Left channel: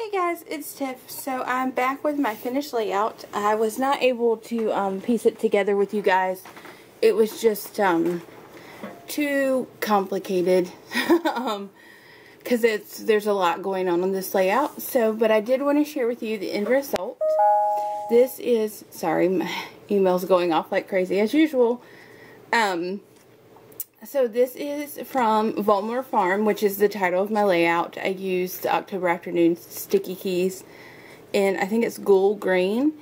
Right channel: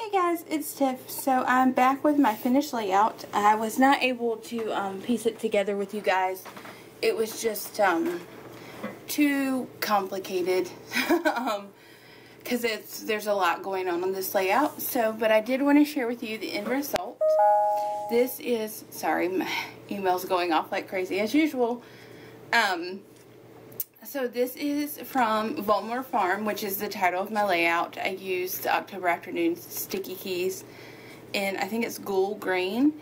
Hey guys, it's Tiff. So I'm back with my finished layout. I was not able to piece it together with you guys. It was just too complicated because there's a lot going on this layout. But I did want to share with you the end result. This is, sorry, my email's going off like crazy as usual. So this is from Volmer Farm, which is the title of my layout. I used the October Afternoon sticky keys, and I think it's Ghoul Green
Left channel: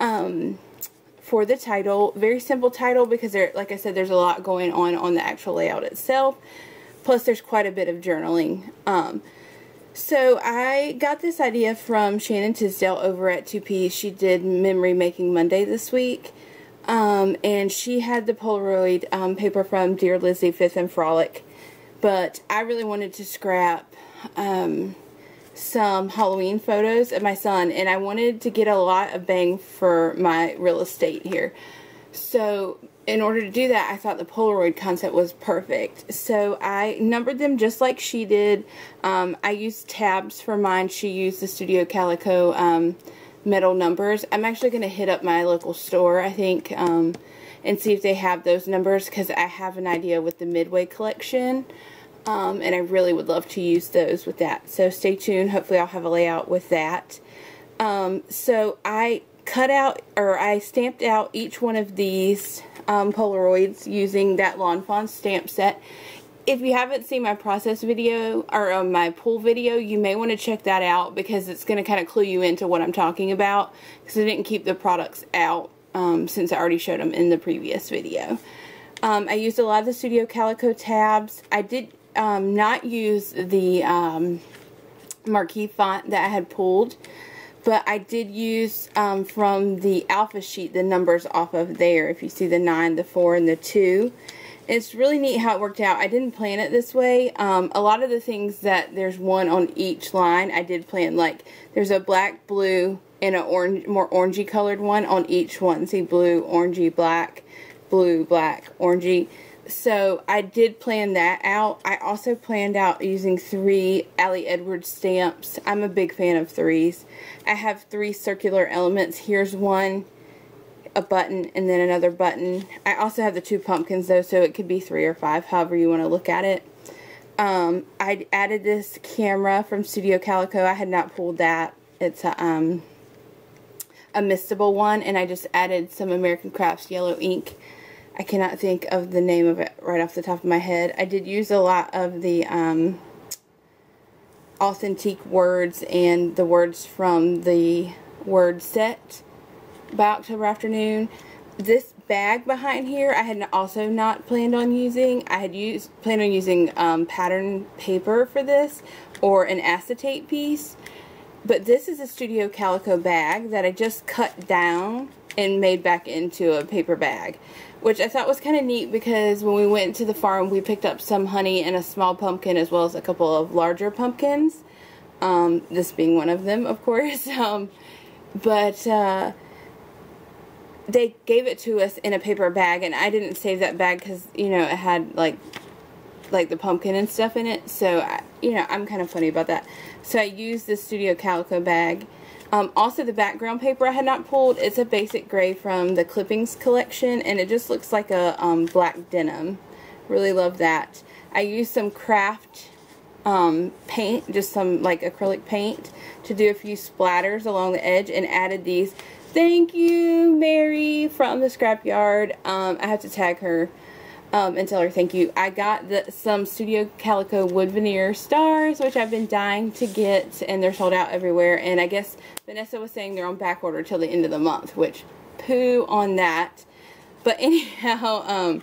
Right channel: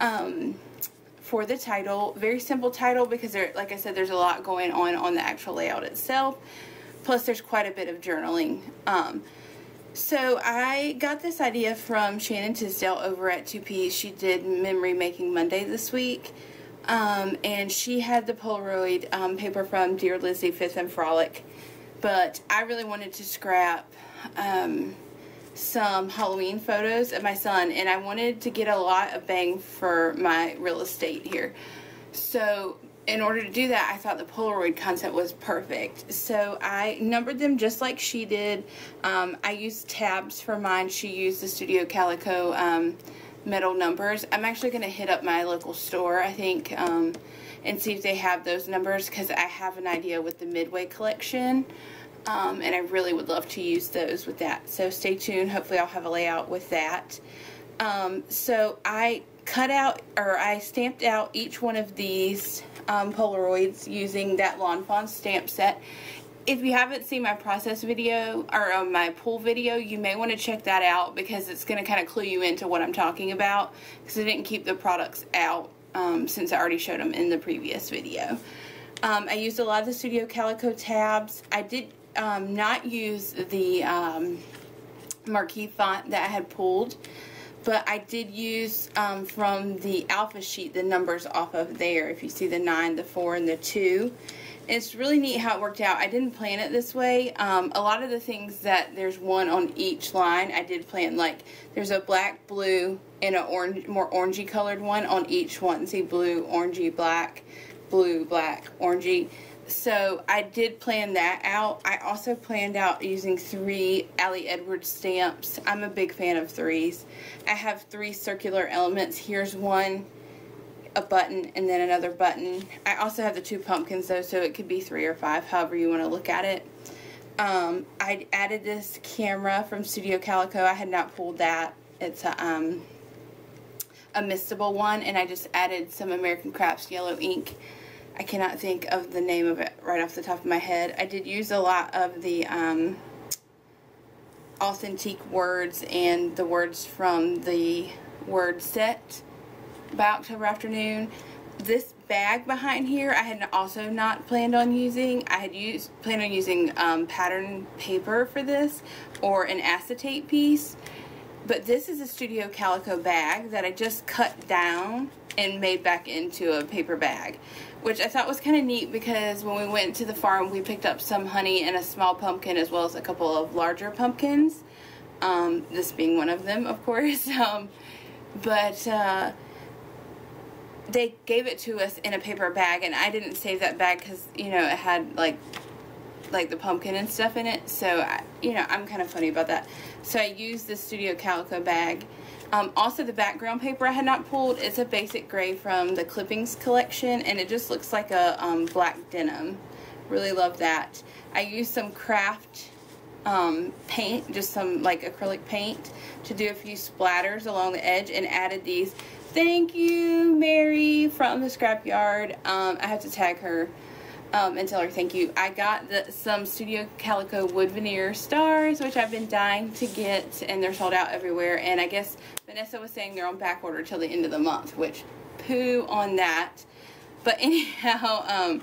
for the title. Very simple title because, like I said, there's a lot going on the actual layout itself. Plus, there's quite a bit of journaling. So I got this idea from Shannon Tisdale over at 2P. She did Memory Making Monday this week. And she had the Polaroid paper from Dear Lizzie, 5th and Frolic, but I really wanted to scrap some Halloween photos of my son, and I wanted to get a lot of bang for my real estate here. So in order to do that, I thought the Polaroid concept was perfect. So I numbered them just like she did. I used tabs for mine. She used the Studio Calico metal numbers. I'm actually going to hit up my local store, I think, and see if they have those numbers, because I have an idea with the Midway collection, and I really would love to use those with that. So stay tuned. Hopefully I'll have a layout with that. So I cut out, or I stamped out each one of these Polaroids using that Lawn Fawn stamp set. If you haven't seen my process video, or my pull video, you may want to check that out, because it's going to kind of clue you into what I'm talking about, because I didn't keep the products out since I already showed them in the previous video. I used a lot of the Studio Calico tabs. I did not use the marquee font that I had pulled, but I did use from the alpha sheet the numbers off of there. If you see the 9, the 4, and the 2. It's really neat how it worked out. I didn't plan it this way. A lot of the things that there's one on each line, I did plan. Like, there's a black, blue, and a orange, more orangey colored one on each one. See, blue, orangey, black, blue, black, orangey. So I did plan that out. I also planned out using 3 Allie Edwards stamps. I'm a big fan of 3s. I have 3 circular elements. Here's one, a button, and then another button. I also have the 2 pumpkins though, so it could be 3 or 5, however you want to look at it. I added this camera from Studio Calico. I had not pulled that. It's a mistable one, and I just added some American Crafts yellow ink. I cannot think of the name of it right off the top of my head. I did use a lot of the authentic words and the words from the word set by October Afternoon. This bag behind here I had also not planned on using. I had planned on using pattern paper for this, or an acetate piece. But this is a Studio Calico bag that I just cut down and made back into a paper bag, which I thought was kind of neat, because when we went to the farm we picked up some honey and a small pumpkin, as well as a couple of larger pumpkins, this being one of them, of course. They gave it to us in a paper bag, and I didn't save that bag because, you know, it had like the pumpkin and stuff in it. So, you know, I'm kind of funny about that. So I used the Studio Calico bag. Also, the background paper I had not pulled. It's a basic gray from the Clippings collection, and it just looks like a black denim. Really love that. I used some craft paint, just some like acrylic paint, to do a few splatters along the edge, and added these "Thank you, Mary" from the scrapyard. I have to tag her and tell her thank you. I got some Studio Calico wood veneer stars, which I've been dying to get, and they're sold out everywhere. And I guess Vanessa was saying they're on back order till the end of the month, which, poo on that. But anyhow,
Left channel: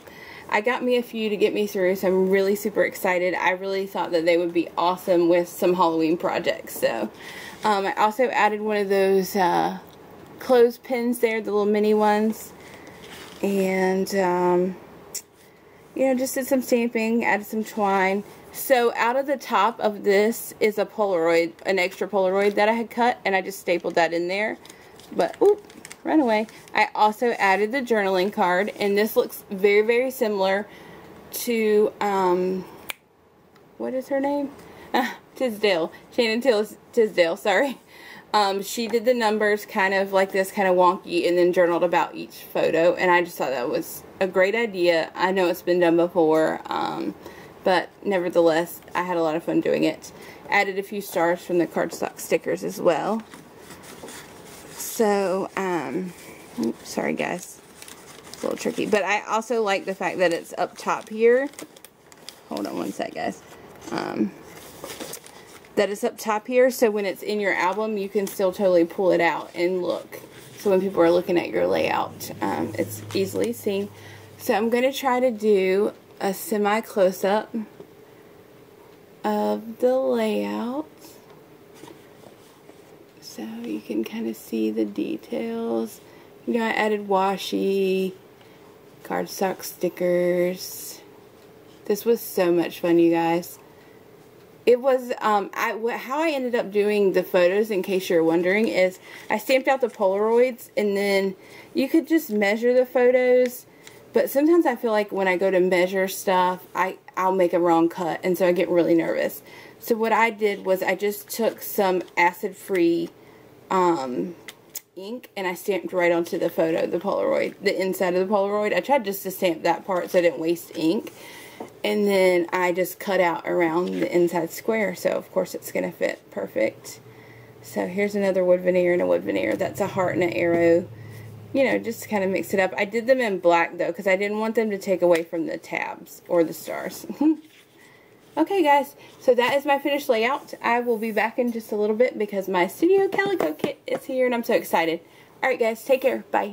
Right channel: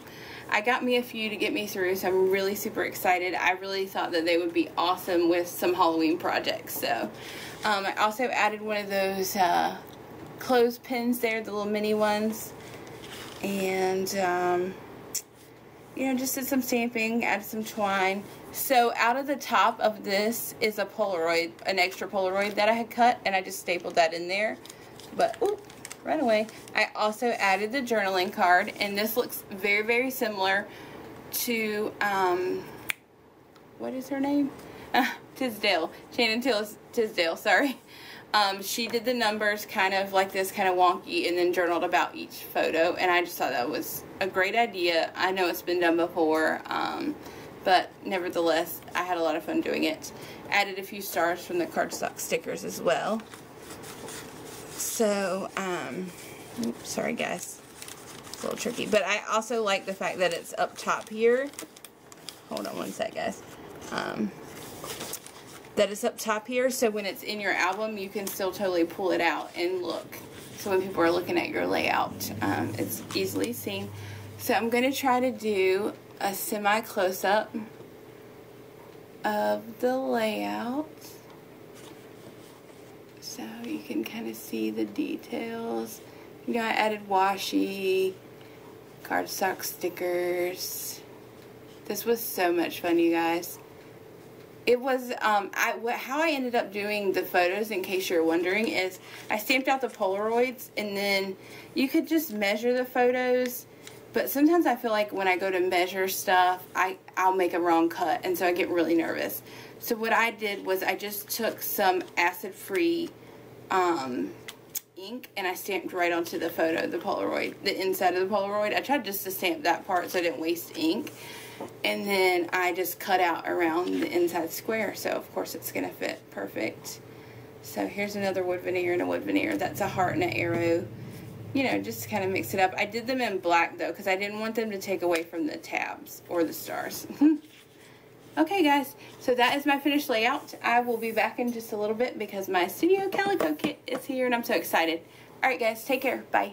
I got me a few to get me through, so I'm really super excited. I really thought that they would be awesome with some Halloween projects. So I also added one of those clothespins there, the little mini ones, and you know, just did some stamping, added some twine. So out of the top of this is a Polaroid, an extra Polaroid that I had cut, and I just stapled that in there. But oop, ran away. I also added the journaling card, and this looks very, very similar to what is her name? Shannon Tisdale, sorry. She did the numbers kind of like this, kind of wonky, and then journaled about each photo, and I just thought that was a great idea. I know it's been done before, but nevertheless, I had a lot of fun doing it. Added a few stars from the cardstock stickers as well. So, oops, sorry guys, it's a little tricky, but I also like the fact that it's up top here. Hold on one sec, guys. That it's up top here, so when it's in your album, you can still totally pull it out and look. So when people are looking at your layout, it's easily seen. So I'm going to try to do a semi-close-up of the layout, so you can kind of see the details. You know, I added washi, cardstock stickers. This was so much fun, you guys. It was, how I ended up doing the photos, in case you're wondering, is I stamped out the Polaroids, and then you could just measure the photos, but sometimes I feel like when I go to measure stuff, I'll make a wrong cut, and so I get really nervous. So what I did was I just took some acid-free ink, and I stamped right onto the photo, the Polaroid, the inside of the Polaroid. I tried just to stamp that part so I didn't waste ink. And then I just cut out around the inside square, so of course it's going to fit perfect. So here's another wood veneer and a wood veneer. That's a heart and an arrow. You know, just to kind of mix it up. I did them in black though, because I didn't want them to take away from the tabs or the stars. Okay guys, so that is my finished layout. I will be back in just a little bit because my Studio Calico kit is here and I'm so excited. Alright guys, take care. Bye.